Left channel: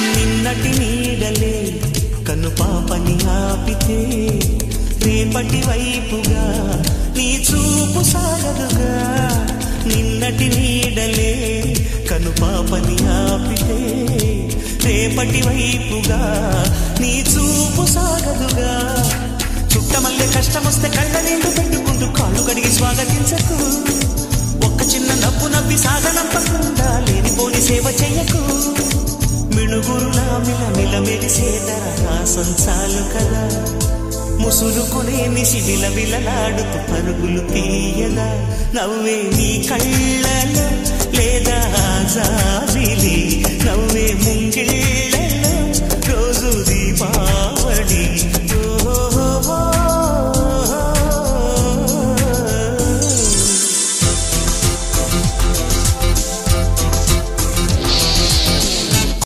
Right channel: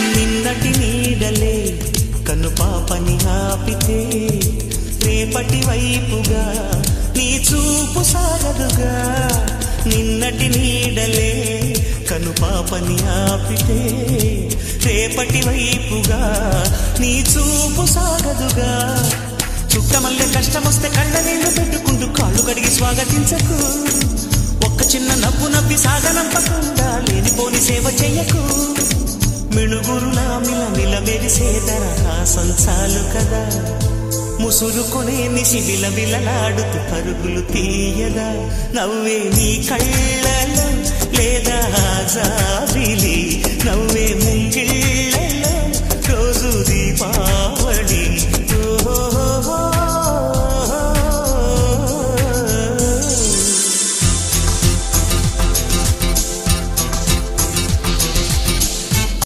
నిన్నటి నీడలే కనుపాపని ఆపితే రేపటి వైపుగా నీ చూపు సాగదుగా. నిన్నటి నీడలే కనుపాపని ఆపితే రేపటి వైపుగా నీ చూపు సాగదుగా. చుట్టమల్లె కష్టమొస్తే కళ్ళ నీళ్లు పెట్టుకుంటూ కాళ్ళు కడిగి స్వాగతించకు. ఒక్క చిన్న నవ్వు నవ్వి సాగనంపకుండా లేనిపోని సేవ చెయ్యకు. మిణుగురులా మిల మెరిసే దరహాసం చాలు కదా. ముసురుకునే నిశి విలవిలలాడుతూ పరుగులు తీయదా. నవ్వే నీ కళ్ళలో లేదా జాబిలి, నవ్వే ముంగిళ్ళ